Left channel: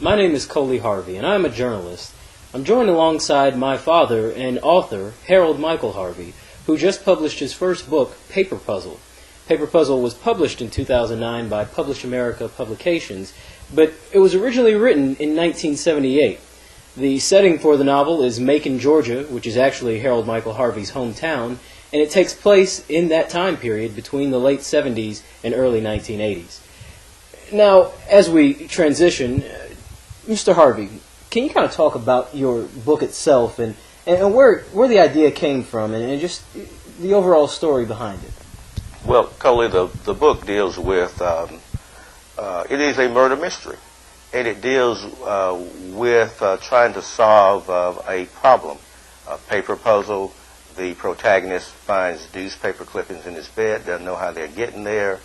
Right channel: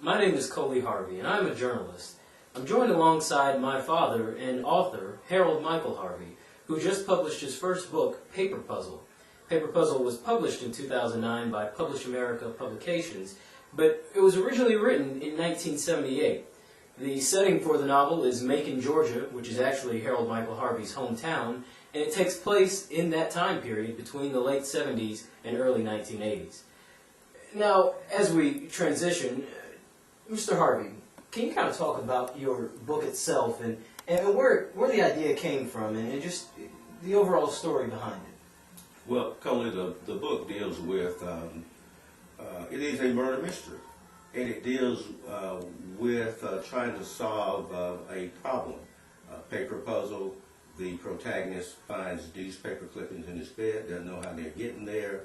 My name is Coley Harvey, and I'm a journalist. I'm joined alongside my father and author, Harold Michael Harvey, who just published his first book, Paper Puzzle. Paper Puzzle was published in 2009 by Publish America Publications, but it was originally written in 1978. The setting for the novel is Macon, Georgia, which is actually Harold Michael Harvey's hometown, and it takes place in that time period between the late 70s and early 1980s. Now, as we transition, Mr. Harvey, can you kind of talk about your book itself and where the idea came from and just the overall story behind it? Well, Coley, the book deals with, it is a murder mystery, and it deals with trying to solve a problem, a paper puzzle. The protagonist finds newspaper clippings in his bed, doesn't know how they're getting there,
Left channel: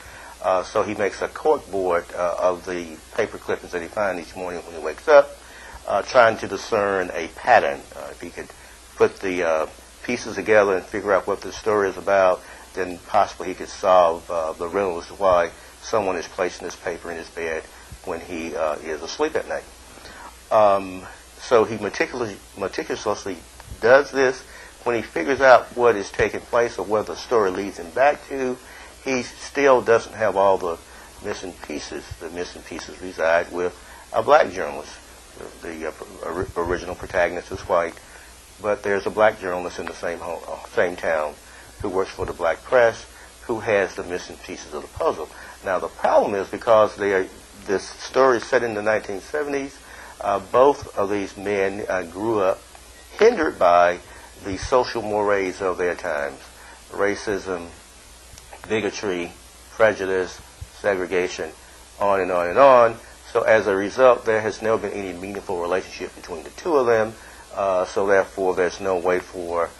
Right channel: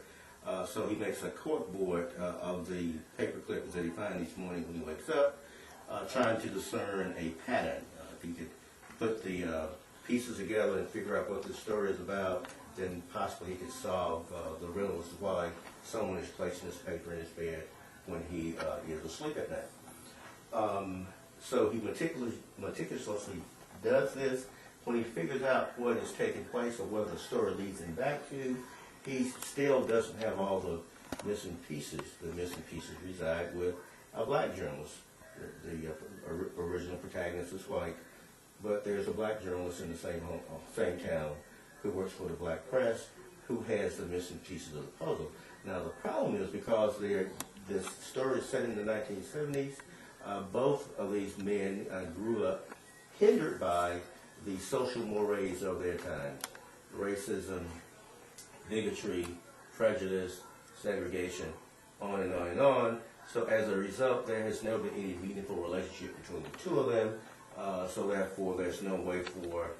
so he makes a cork board of the paper clippings that he finds each morning when he wakes up, trying to discern a pattern. If he could put the pieces together and figure out what the story is about, then possibly he could solve the riddle as to why someone is placing this paper in his bed when he is asleep at night. So he meticulously does this. When he figures out what is taking place or what the story leads him back to, he still doesn't have all the missing pieces. The missing pieces reside with a black journalist. The original protagonist is white, but there's a black journalist in the same town who works for the black press who has the missing pieces of the puzzle. Now the problem is because this story is set in the 1970s, both of these men grew up hindered by the social mores of their times: racism, bigotry, prejudice, segregation, on and on and on. So as a result, there has never been any meaningful relationship between the two of them. So therefore, there's no way for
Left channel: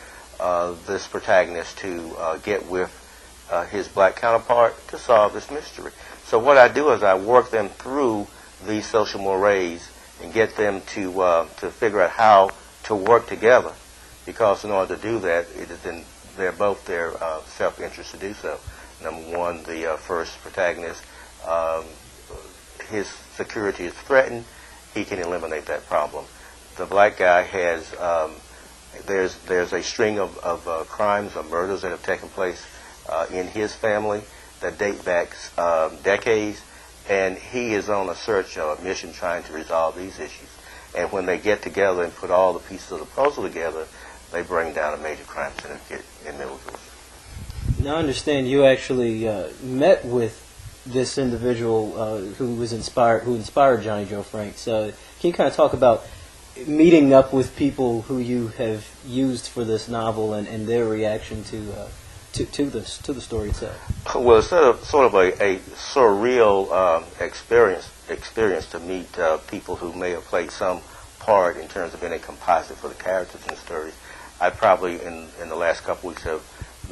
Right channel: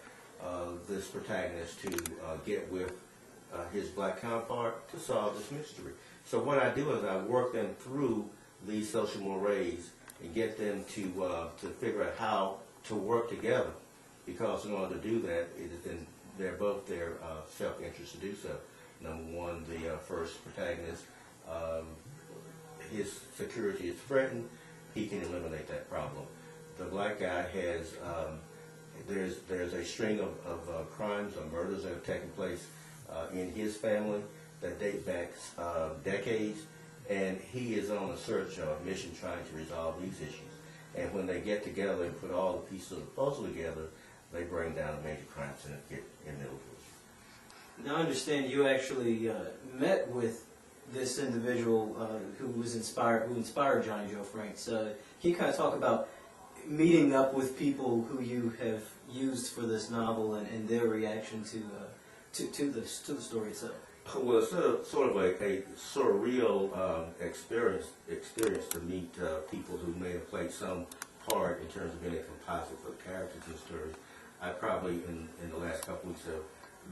this protagonist to get with his black counterpart to solve this mystery. So what I do is I work them through these social mores and get them to figure out how to work together, because in order to do that, it is in both their self-interest to do so. Number one, the first protagonist, his security is threatened. He can eliminate that problem. The black guy has, there's a string of crimes or murders that have taken place in his family that date back decades, and he is on a search or a mission trying to resolve these issues. And when they get together and put all the pieces of the puzzle together, they bring down a major crime syndicate in Middlefield. Now I understand you actually met with this individual who inspired Johnny Joe Franks. Can you kind of talk about meeting up with people who you have used for this novel and their reaction to the story itself? Well, it's sort of a surreal experience to meet people who may have played some part in terms of being a composite for the characters in the story. I probably, in the last couple weeks, have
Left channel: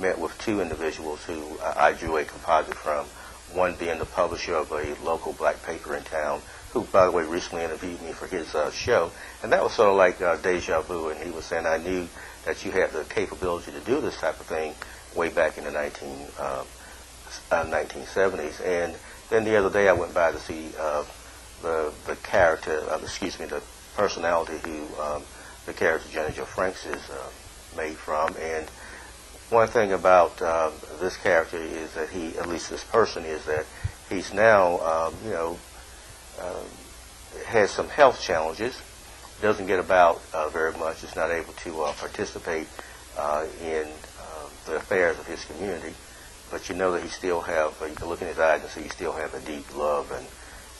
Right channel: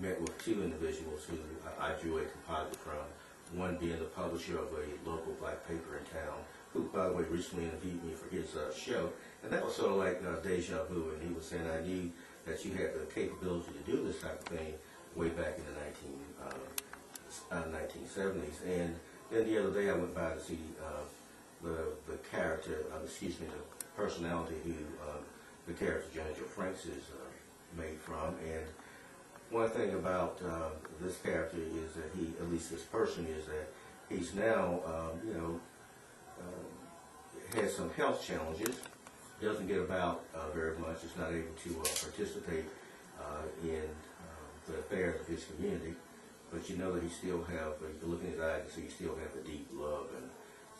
met with two individuals who I drew a composite from, one being the publisher of a local black paper in town, who, by the way, recently interviewed me for his show. And that was sort of like deja vu, and he was saying, I knew that you had the capability to do this type of thing way back in the 1970s. And then the other day I went by to see the personality who the character Johnny Joe Franks is made from. And one thing about this character is that at least this person, is that he's now, has some health challenges, doesn't get about very much, is not able to participate in the affairs of his community. But you know that he still have, you can look in his eyes and see he still have a deep love and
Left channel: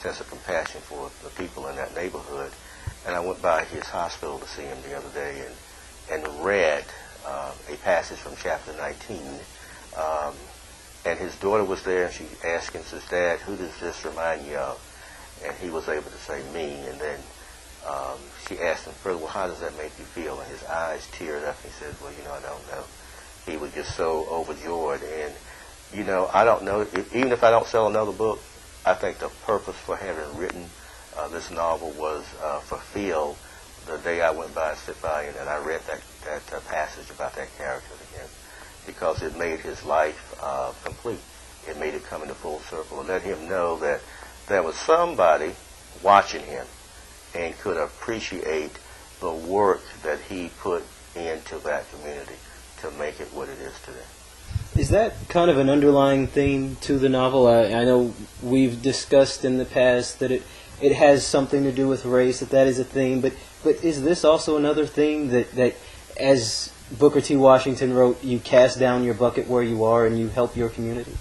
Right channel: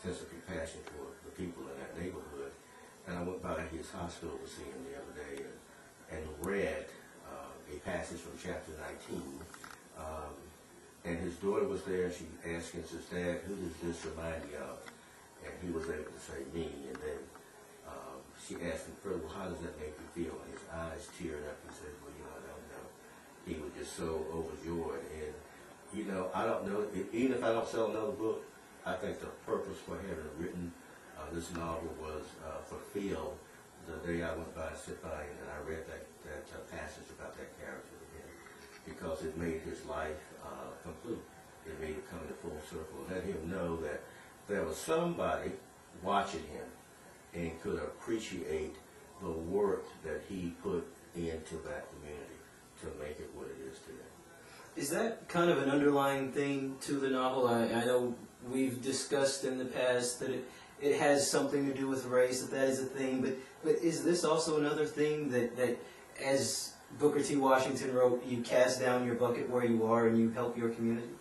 sense of compassion for the people in that neighborhood. And I went by his hospital to see him the other day and read a passage from chapter 19. And his daughter was there, and she asked him, says, Dad, who does this remind you of? And he was able to say, me. And then she asked him further, well, how does that make you feel? And his eyes teared up. He said, well, I don't know. He was just so overjoyed. And, I don't know, even if I don't sell another book, I think the purpose for having written this novel was fulfilled the day I went by, sit by, and I read that passage about that character again, because it made his life complete. It made it come into full circle and let him know that there was somebody watching him and could appreciate the work that he put into that community to make it what it is today. Is that kind of an underlying theme to the novel? I know we've discussed in the past that it has something to do with race, that is a theme, but is this also another theme that as Booker T. Washington wrote, you cast down your bucket where you are and you help your community?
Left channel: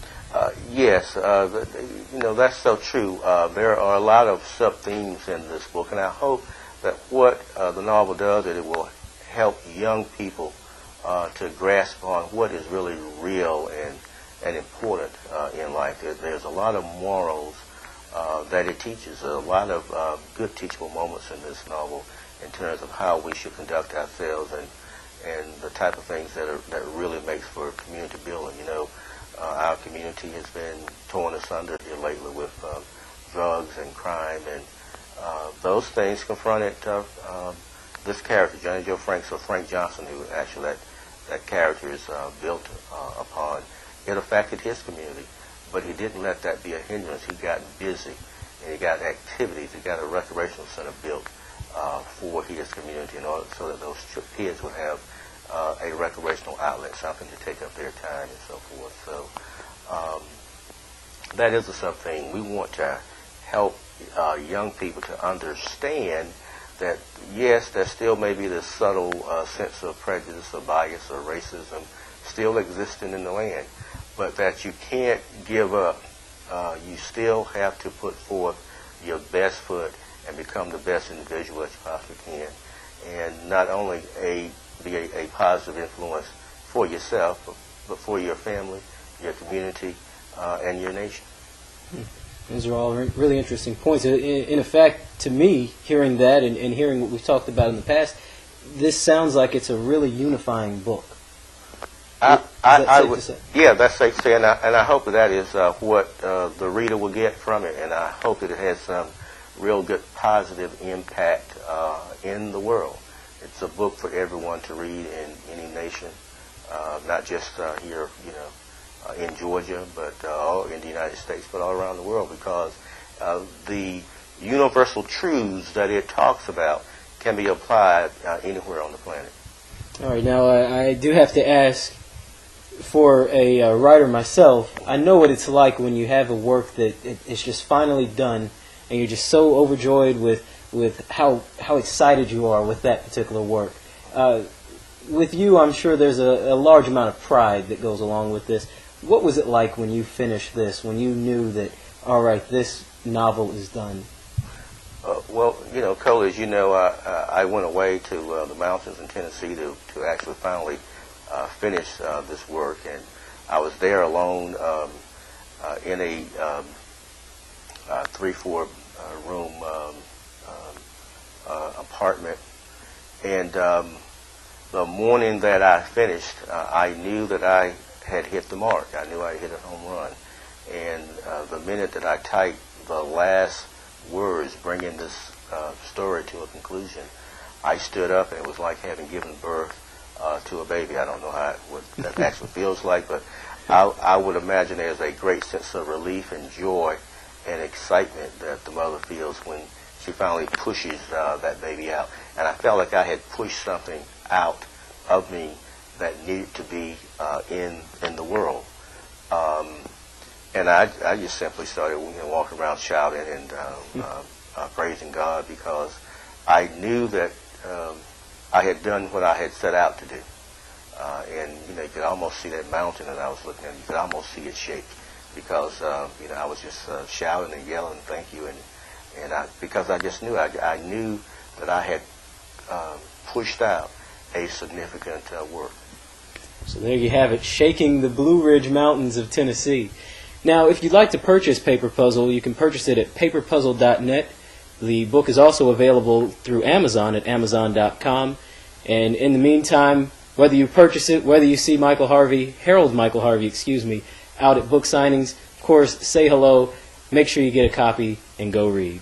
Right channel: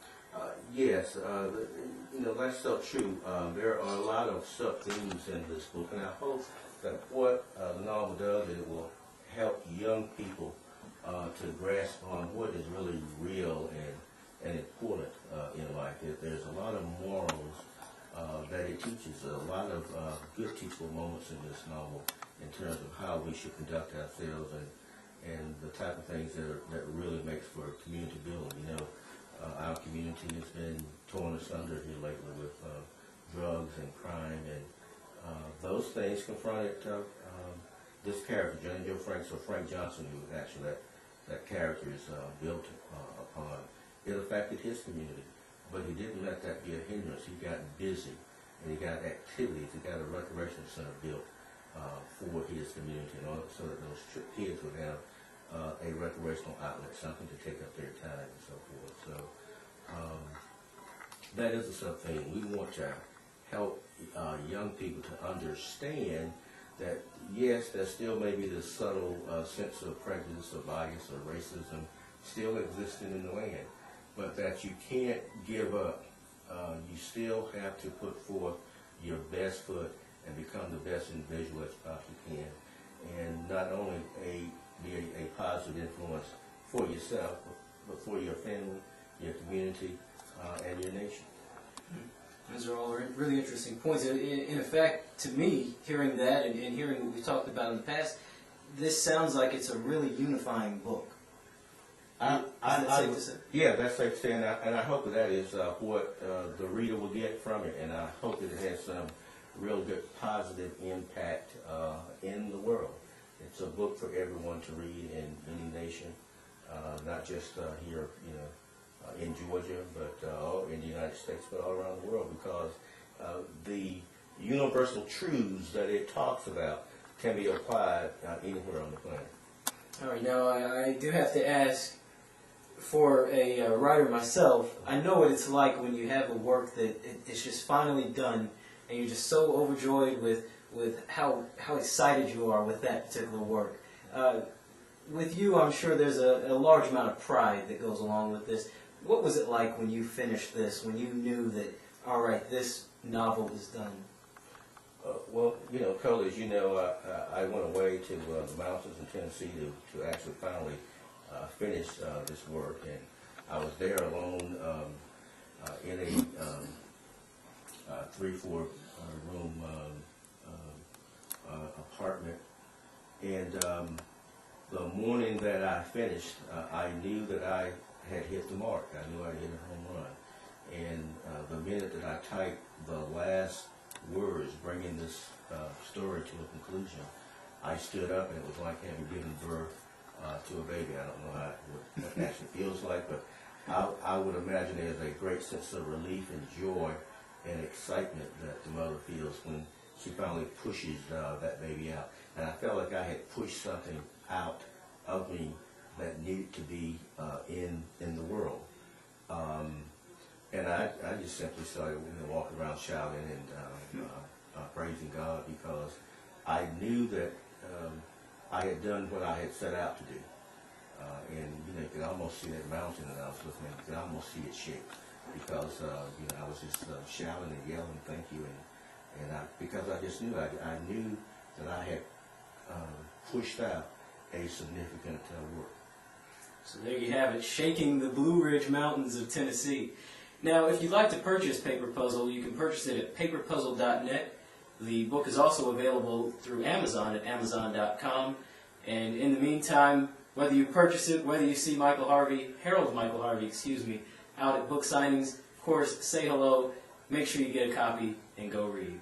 Yes, that's so true. There are a lot of sub-themes in this book, and I hope that what the novel does is it will help young people to grasp on what is really real and important in life. There's a lot of morals that it teaches, a lot of good teachable moments in this novel in terms of how we should conduct ourselves and the type of things that really makes for community building. Our community has been torn asunder here lately with drugs and crime, and those things confronted this character, Johnny Joe Franks, or Frank Johnson, who actually that character is built upon. It affected his community, but he didn't let that be a hindrance. He got busy, and he got activities. He got a recreational center built for his community in order so that those kids would have a recreational outlet, something to take up their time and so forth. So that is the something we want to help young people to understand that, yes, there still may be this subtle sense of prejudice or bias or racism still existing in the land, but that you can't give up. You still have to put forth your best foot and become the best individual that you possibly can, and not only be a positive influence for yourself, but for your family, your community, and your nation. Those are all really interesting points. In effect, to me, hearing that and hearing what we've talked about in the past, this sounds like it's a really unifying book. Yeah, that's safe to say, and I hope that is what the reader will get from it, and I hope that it has some real good positive impact in the world. It's a book for everyone to read in any nation, not just here, in Georgia, but all in the United States, but all around the world, because the universal truths that it talks about can be applied anywhere on the planet. All right, now I do have to ask, for a writer myself, I know what it's like when you have a work that it's just finally done, and you're just so overjoyed with how excited you are with that particular work. With you, I'm sure there's a large amount of pride that goes along with this. What was it like when you finished this, when you knew that, all right, this novel is done? Well, Coley, as you know, I went away to the mountains in Tennessee to actually finally finish this work, and I was there alone in a 3-4 room apartment, and the morning that I finished, I knew that I had hit the mark. I knew I hit a home run, and the minute that I typed the last words bringing this story to a conclusion, I stood up, and it was like having given birth to a baby. I don't know what that actually feels like, but I would imagine there's a great sense of relief and joy and excitement that the mother feels when she finally pushes that baby out. And I felt like I had pushed something out of me that needed to be in the world. And I just simply started walking around shouting and praising God, because I knew that I had done what I had set out to do. And you could almost see that mountain that I was looking at. You could almost see it shake, because I was just shouting and yelling, "Thank you!" And because I just knew I knew that I had pushed out a significant work. So there you have it, shaking the Blue Ridge Mountains of Tennessee. Now, if you'd like to purchase Paper Puzzle, you can purchase it at paperpuzzle.net. The book is also available through Amazon at amazon.com. And in the meantime, whether you purchase it, whether you see Harold Michael Harvey, out at book signings, of course, say hello, make sure you get a copy, and go read.